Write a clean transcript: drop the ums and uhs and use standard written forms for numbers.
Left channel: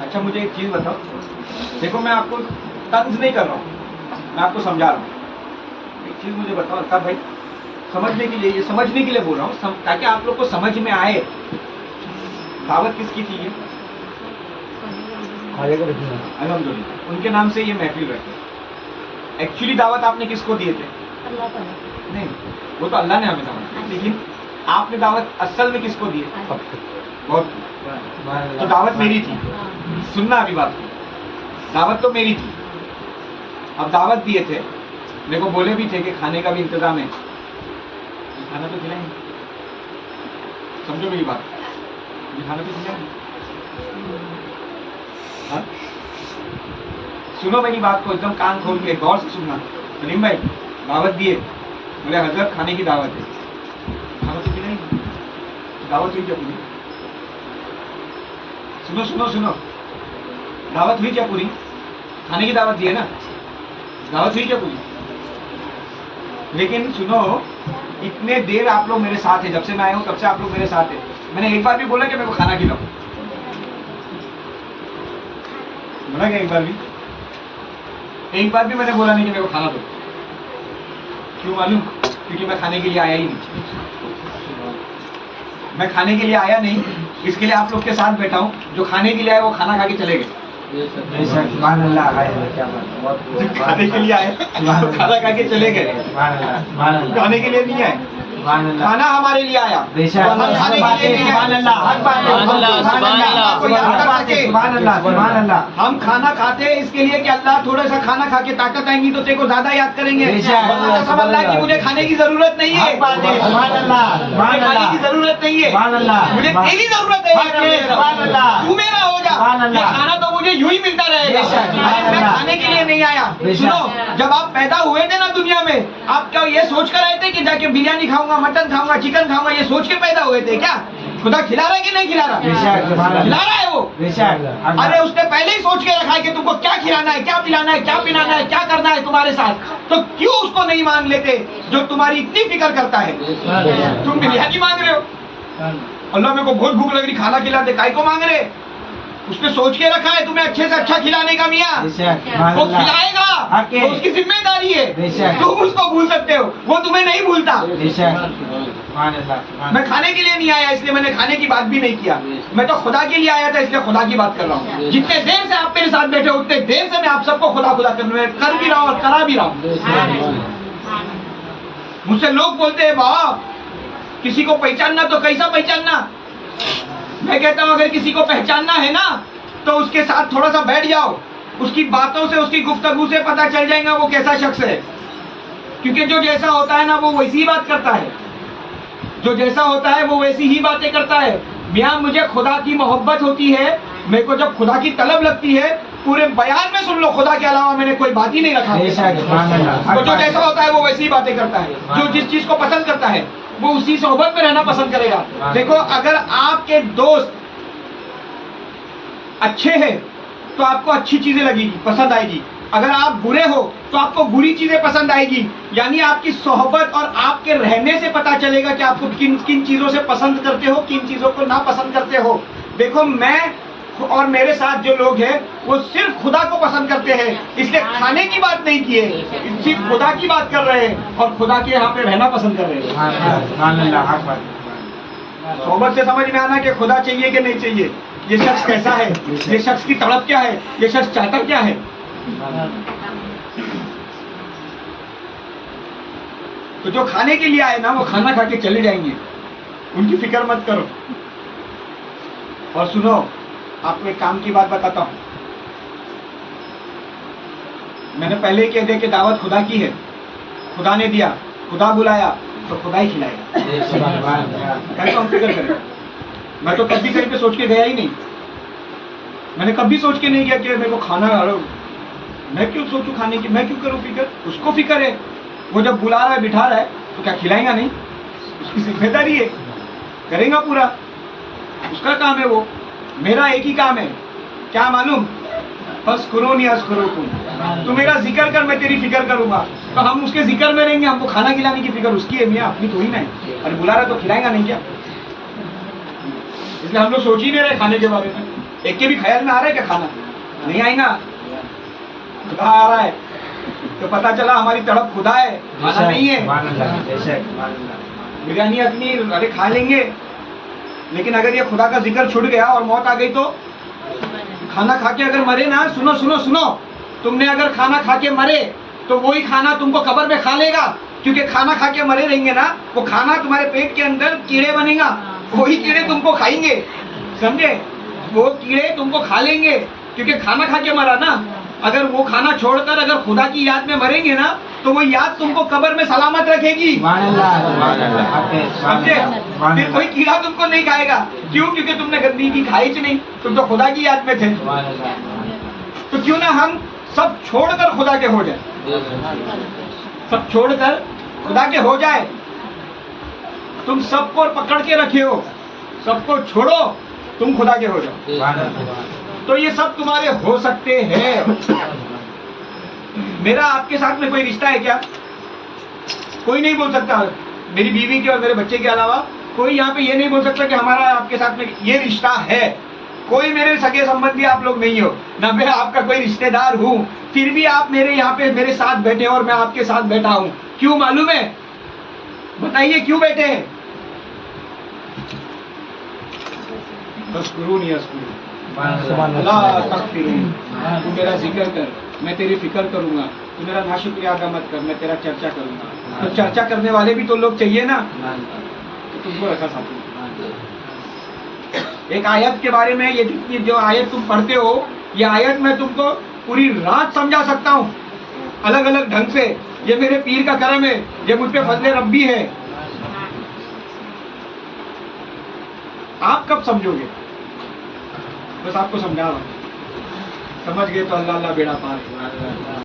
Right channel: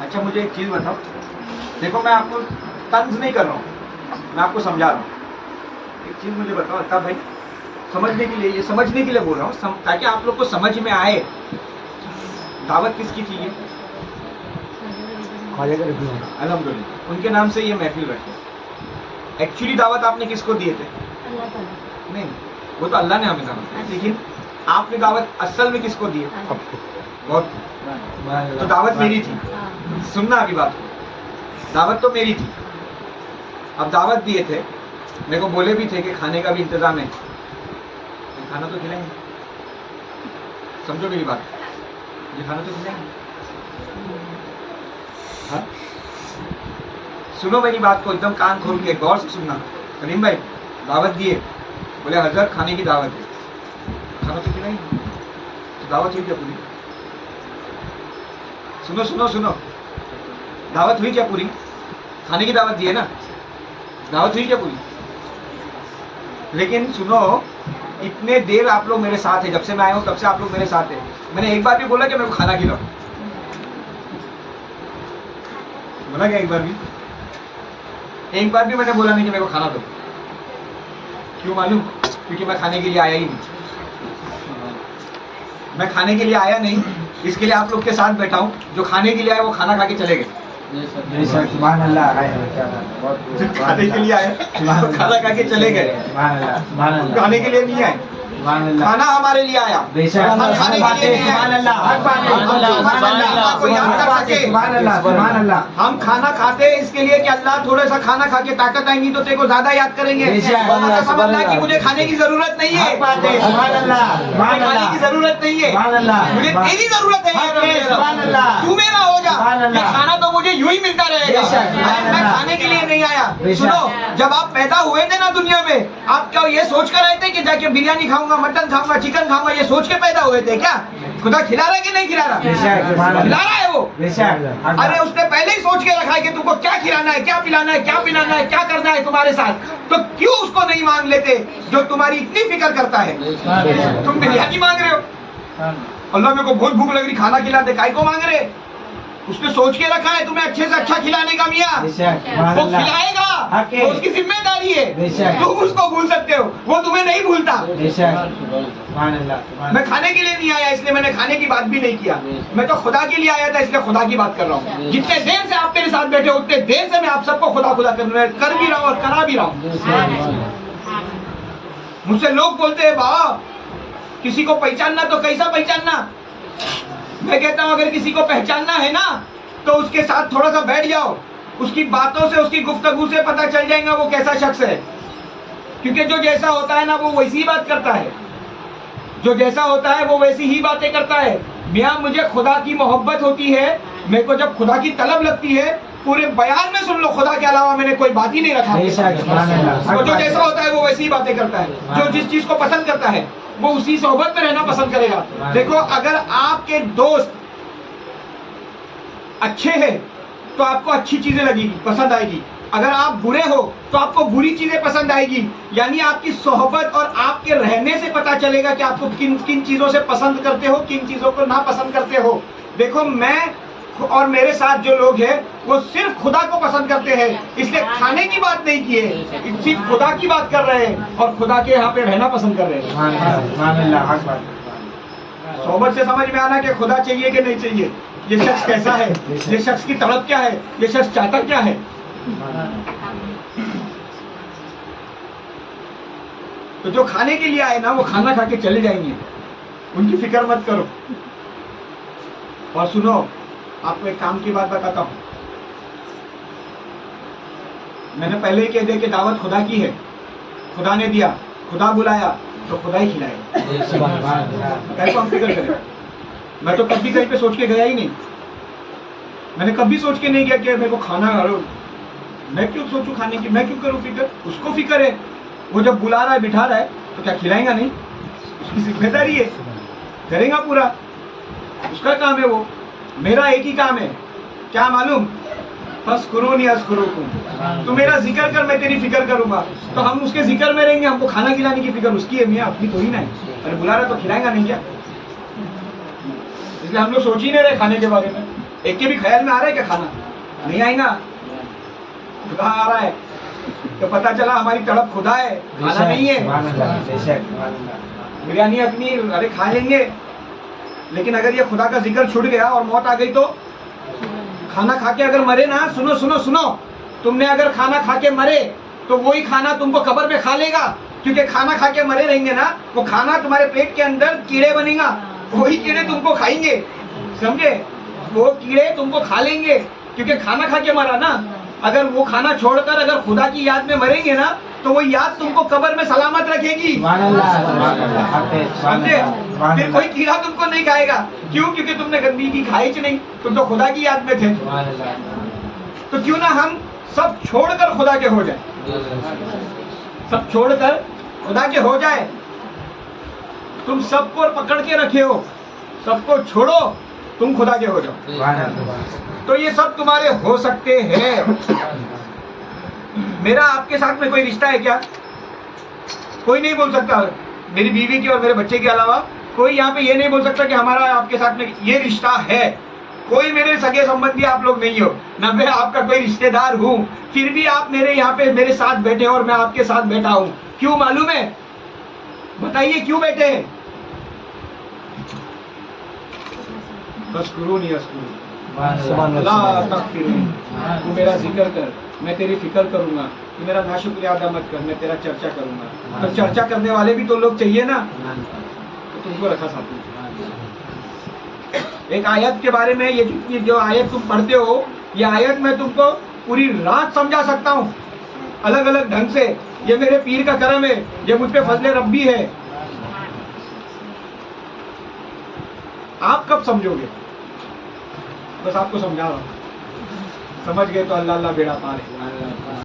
अच्छा मुझे एक चीज़ बताओ, देखो मैं आपको तंज नहीं कर रहा हूँ, मैं आपको समझा रहा हूँ। एक चीज़ मुझे बताओ अल्ताफ भाई, समझने के लिए, ये समझने के लिए बोल रहा हूँ, ताकि आप लोग को समझ में आए। दावत किसकी थी ये? अल्हम्दुलिल्लाह, उनके नाम से ये महफिल बैठे। एक्चुअली दावत आपने किसको दिए थे? नहीं, वो तो अल्लाह ने हमें दावत दी, लेकिन आपने दावत असल में किसको दी? बहुत। तो दावत मेरी थी, सुनना अभी बात को, दावत तो मेरी थी। अब दावत दिए थे, मेरे को बोले भी थे कि खाने का भी इंतजाम है, खाना तो खिलाएंगे, समझो मेरी बात, ये खाना तो खिलाएंगे। हाँ? सुनो मेरी बात को एकदम कान खोल के गौर से सुनना। सलीम भाई दावत दिए, बोले हजरत खाने की दावत है, खाना तो खिलाएंगे, तो दावत हुई क्या पूरी? सुनो सुनो सुनो, दावत हुई क्या पूरी? खाने की दावत दी है ना, दावत हुई क्या पूरी? लेकिन सुनो, इतने देर आप लोग मेरे साथ है, जब से मैं आया हूं तब से आप लोग मेरे साथ है। मैंने एक बार भी बोला कि मेरे को खाना खिलाओ? बोला क्या एक बार भी? एक बार भी मैंने बोला नहीं कि मेरे को खाना दो। क्यों मालूम? क्योंकि मैं खाने के लिए आया ही नहीं। मैं खाने के लिए आया नहीं, इसके लिए आप लोग के साथ बैठा हूँ। जो खाने के लिए आए वो खाना खा के चले गए। खाने के लिए आए तो खाना खा के चले गए, खाने के लिए नहीं आए। खाना हमारे लिए आया, हम खाने के लिए नहीं आए। हम खाना खाते हैं इसके लिए कि अल्लाह थोड़ा सा खाना खा के ताकत आएंगी तो तेरे को ज्यादा याद करेंगे। अल्लाह की मुझे खाने की जरूरत नहीं है, मुझे खाने की जरूरत नहीं है, मुझे तेरी जरूरत है। तू मेरा हो जा, ये खाना तो मुझे यूं ही मिलता रहेगा। मैं खाने के लिए नहीं आया। सुनो, जब आप पैदा हुए थे ना दुनिया में, आप क्या ये सोच कर आए थे कि जाके बिरयानी खाऊंगा, मटन खाऊंगा, चिकन खाऊंगा, ये सोच के पैदा हुए थे क्या? खुदा खिला रहा है कि नहीं खिला रहा? खिला रहा है वो। अरे उसने पहले ही सोच के रखा है कि तुमको क्या खिलाना है, क्या पिलाना है, क्या पिलाना है, क्या करना है तुम्हारे साथ। तो क्यों उसको नहीं मांग लेते जो तुम्हारी इतनी फिक्र करता है? तुम बिरयानी मांग रहे हो, अल्लाह मेरे को बहुत भूख लग रही, खाना खिला दे, काय को मांग रहे? उसने सोच के रखा है तुम्हें अच्छे से अच्छा खिलाने का। मियाँ वो खिलाएगा, वो उसकी जिम्मेदारी है। तुम उसको भूल सकते हो, वो तुम्हें नहीं भूलता। मैं खाने के लिए नहीं आया, इसलिए मैंने खाने की बात भी नहीं किया। मैं तो खुदा के लिए आया था, इसलिए खुदा की बात कर रहा हूँ। जितने देर से आप मेरे साथ बैठे उतने देर से मैं आप सबको खुदा खुदा कर भी रहा हूँ और करा भी रहा हूँ। मुझसे लोग बोलते हैं बा किसी को पहचानना तो कैसा पहचानना? मैं कहता हूं अगर किसी को पहचानना है ना तो उसके साथ थोड़ा सा बैठ जाओ, उसकी बातों से, उसकी गुफ्तगू से पता चल जाएगा वो कैसा शख्स है। क्योंकि जो जैसा होता है ना वो वैसी ही बात करता है, जो जैसा होता है वो वैसी ही बातें करता है। मियाँ मुझे खुदा की मोहब्बत होती है, मेरे को जब खुदा की तलब लगती है, पूरे बयान में सुन लो, खुदा के अलावा मैंने कोई बात ही नहीं रखा। तो जो जैसा होता है वो वैसी ही बातें करता है, जो जिस चीज को पसंद करता है वो उसी सोहबत में रहना पसंद करेगा। देखो अगर आपके दोस्त अच्छे हैं तो आपको अच्छी चीजें लगेगी, पसंद आएगी। अगर आप बुरे हो तो आपको बुरी चीजें पसंद आएगी। यानी आपकी सोहबत और आपके रहने से पता चलेगा कि आपको किन किन चीजों से पसंद करते हो, किन चीजों को ना पसंद करते हो। देखो मैं और मेरे साथ जो लोग हैं वो सिर्फ खुदा को पसंद करते हैं, इसलिए खाने की बात नहीं की है, सिर्फ खुदा की बात कर रहे हैं और खुदा के यहाँ पे रहना पसंद कर रहे हैं। सोहबत से समझ में आना कि खुदा चाहिए कि नहीं चाहिए, ये शख्स कैसा है, ये शख्स की तड़प क्या है, ये शख्स चाहता क्या है। तो जो खाने के लिए आए ना वो खाना खा के चले जाएंगे, उनकी फिक्र मत करो। और सुनो, आपको एक काम की बात बताता हूं, मैंने पहले ही कह दिया कि दावत खुदा की है, खुदा ने दिया, खुदा बुलाया तो खुदा ही खिलाएगा। कैसे हम फिक्र करें? मैं तो कभी कहीं पे सोच के गया ही नहीं, मैंने कभी सोच के नहीं गया कि मेरे को खाना, मैं क्यों सोचूं खाने की, मैं क्यों करूं फिक्र? उसको फिक्र है, वो जब बुला रहा है बिठा रहा है तो क्या खिलाएगा नहीं? उसकी जिम्मेदारी है, करेगा पूरा, उसका काम है वो। मेरा एक ही काम है, क्या मालूम? फस्कुरूनी अस्कुरुकुम, तू मेरा जिक्र कर मैं तेरी फिक्र करूंगा। तो हम उसके जिक्र में रहेंगे, हमको खाना खिलाने की फिक्र उसकी है, मियाँ अपनी थोड़ी ना है। अरे बुला रहा तो खिलाएगा नहीं क्या? इसलिए हम लोग सोच ही नहीं रहे खाने के बारे में। एक के भी ख्याल में आ रहा है क्या खाना? नहीं आई ना, खुदा आ रहा है तो पता चला हमारी तड़प खुदा है, खाना नहीं है। बिरयानी अपनी अरे खा लेंगे, लेकिन अगर ये खुदा का जिक्र छूट गया और मौत आ गई तो खाना खा के अगर मरे ना, सुनो सुनो सुनो, तुमने अगर खाना खा के मरे तो वही खाना तुमको कब्र में खा लेगा, क्योंकि खाना खा के मरे रहेंगे ना, वो खाना तुम्हारे पेट के अंदर कीड़े बनेगा, वही कीड़े तुमको खाएंगे, समझे? वो कीड़े तुमको खा लेंगे क्योंकि खाना खा के मरा ना। अगर वो खाना छोड़कर अगर खुदा की याद में मरेंगे ना, तो वो याद तुमको कब्र में सलामत रखेगी, समझे? फिर कोई कीड़ा तुमको नहीं खाएगा। क्यों? क्योंकि तुमने गंदगी खाई च नहीं, तुम तो खुदा की याद में थे। तो क्यों ना हम सब छोड़कर खुदा के हो जाए, सब छोड़कर खुदा के हो जाए। तुम सबको पकड़ के रखे हो, सबको छोड़ो, तुम खुदा के हो जाओ, तो ये सब तुम्हारे हो सकते हैं। मेरा आपके साथ में कोई रिश्ता है क्या? कोई नहीं बोल सकता, मेरी बीवी के और मेरे बच्चे के अलावा कोई यहाँ पे ये नहीं बोल सकता कि हमारा आपके साथ में ये रिश्ता है। कोई मेरे सगे संबंधी आप लोग नहीं हो, ना मैं आपका कोई रिश्तेदार हूँ, फिर भी आप मेरे यहाँ पे मेरे साथ बैठे और मैं आपके साथ बैठा हूँ। क्यों मालूम है? बताइए क्यों बैठे हैं? अस्कुरूनी अस्कुरू अल्लाह तकफिरून, तू मेरा जिक्र कर, मैं तेरी फिक्र करूंगा, तू मेरा नाशुक्रिया अदा मत कर, मैं तेरा चर्चा करूंगा। तो चर्चा करने वाले भी तो लोग चाहिए ना, तो तुमको रखा साथ में। एक आयत के बारे में, ये जो आयत तुम पढ़ते हो, ये आयत मैं तुमको पूरी रात समझा सकता हूँ अलग अलग ढंग से। ये मेरे पीर का करम है, ये मुझ पे फजले रब्बी है। आप कब समझोगे? बस आपको समझा रहा हूँ, समझ गए तो अल्लाह अल्लाह बेड़ा पार है।